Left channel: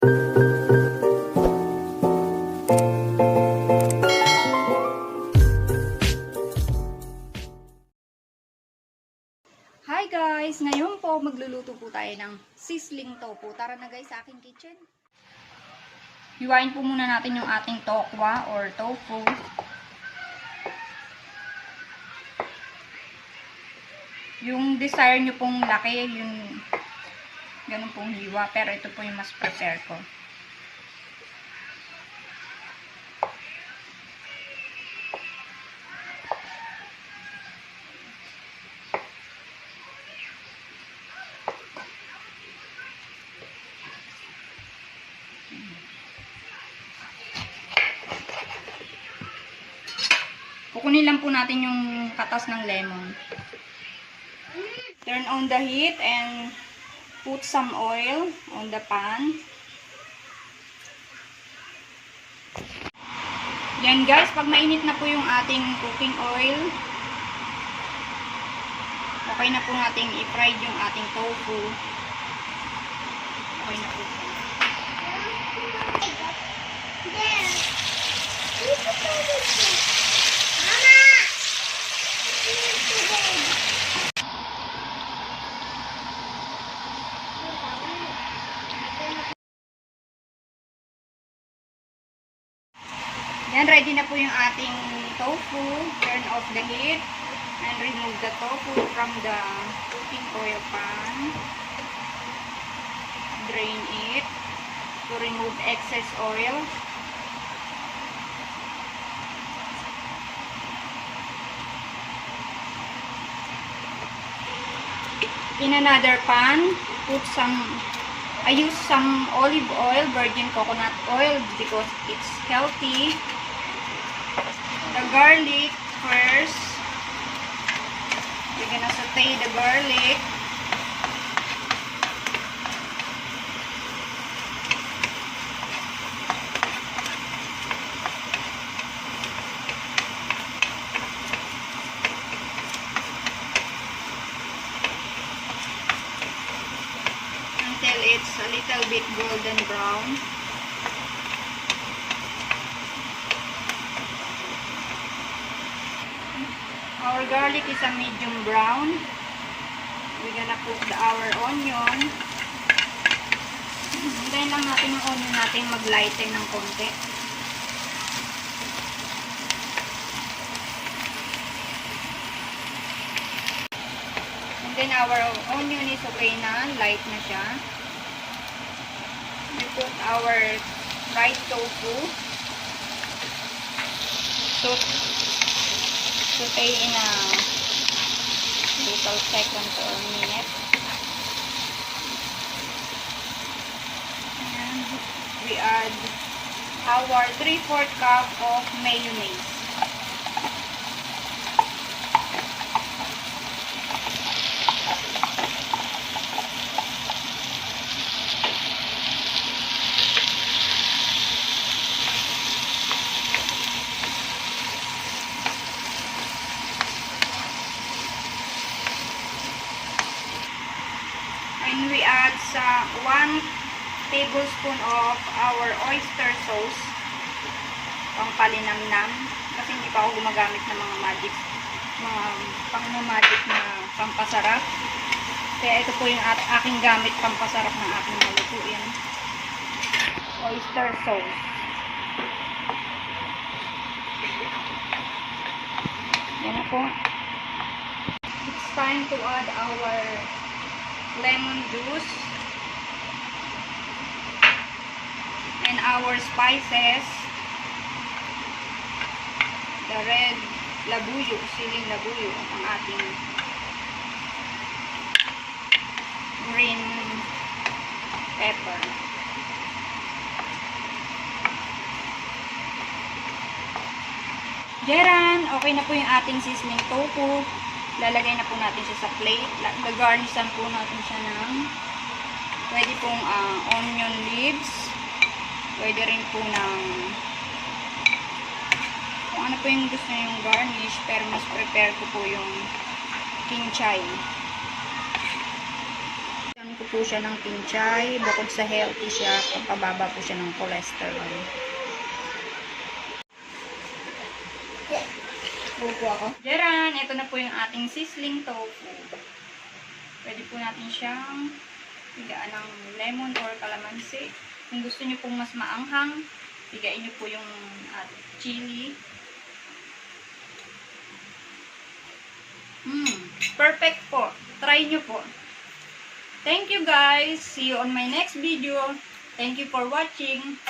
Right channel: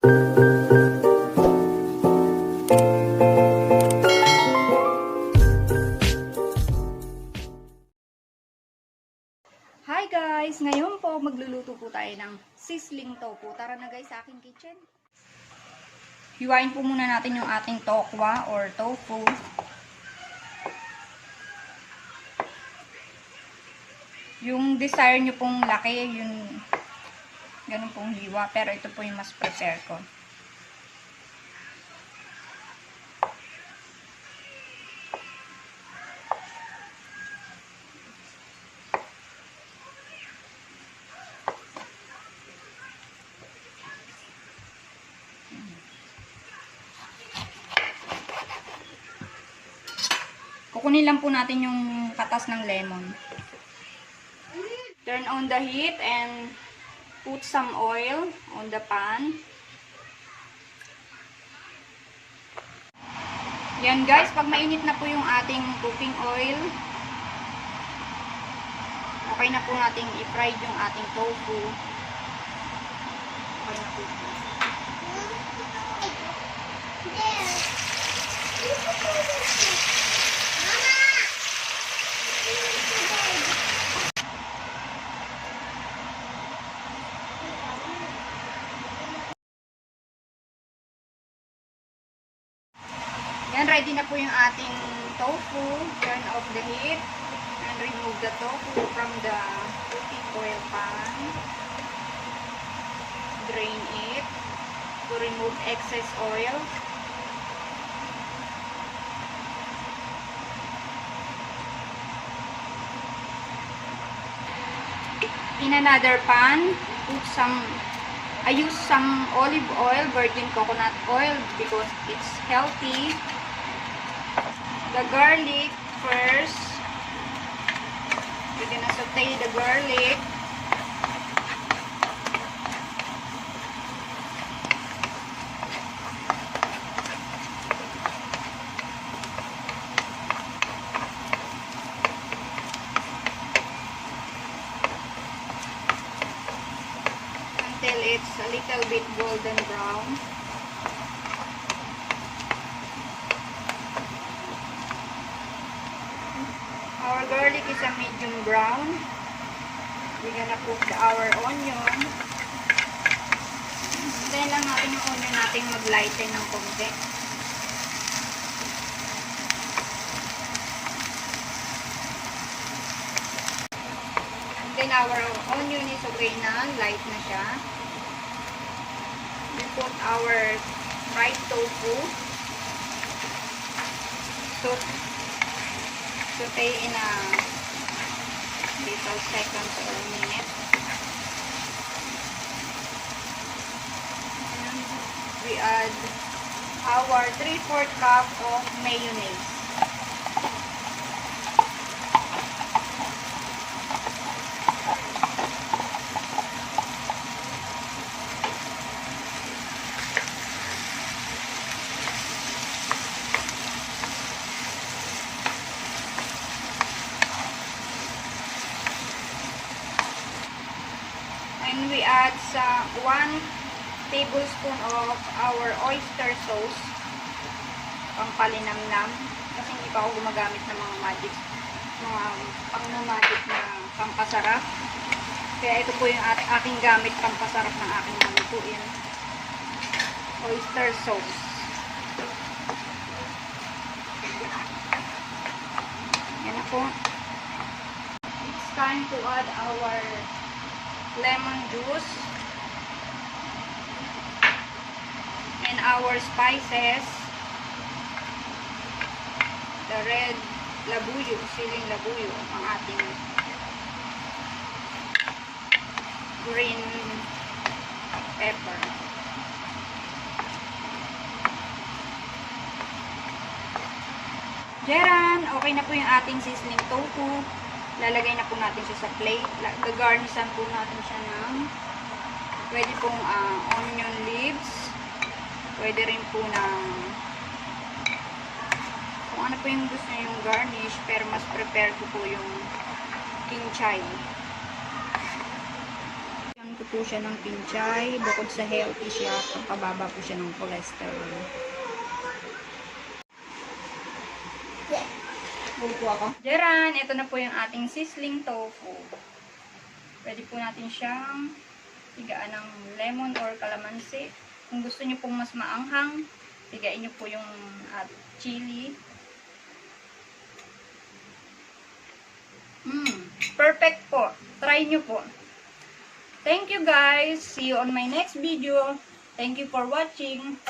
Hi guys! Ngayon po magluluto po tayo ng sizzling tofu. Tara na guys sa aking kitchen. Hiwain po muna natin yung ating tokwa or tofu. Yung desire nyo pong laki, yung ganun pong hiwa. Pero ito po yung mas prefer ko. Kukunin lang po natin yung katas ng lemon. Turn on the heat and put some oil on the pan. Yan guys, pag mainit na po yung ating cooking oil, okay na po nating i-fry yung ating tofu. Okay na po. Yan, ready na po yung ating tofu. Turn off the heat and remove the tofu from the cooking oil pan. Drain it to remove excess oil. In another pan, I use some olive oil, virgin coconut oil because it's healthy. The garlic first. We're gonna saute the garlic. Until it's a little bit golden brown. Our garlic is a medium brown. We're gonna cook our onion. Hintayin lang natin yung onion natin mag-lighten ng konti. And then our onion is okay na, light na siya. We put our fried tofu. Saute in a little seconds or minute. And we add our 3/4 cup of mayonnaise. And we add 1 tablespoon of our oyster sauce, pang palinamnam, kasi hindi pa ako gumagamit ng mga pang-magic na pampasarap. Kaya ito po yung aking gamit pampasarap ng aking malutuin. Oyster sauce. Yan na po. It's time to add our lemon juice and our spices, the red labuyo, siling labuyo, ang ating green pepper. Jeran, okay na po yung ating sizzling tofu. Lalagay na po natin siya sa plate. Gagarnishan po natin siya ng pwede pong onion leaves. Pwede rin po ng kung ano po yung gusto nyo yung garnish, pero mas prepare ko po yung kinchay. Yan ko po siya ng pinchay. Bukod sa healthy siya, pababa po siya ng cholesterol. Upo ako. Diyan, ito na po yung ating sizzling tofu. Pwede po natin siyang higaan ng lemon or calamansi. Kung gusto niyo pong mas maanghang, higain niyo po yung chili. Perfect po. Try niyo po. Thank you guys. See you on my next video. Thank you for watching.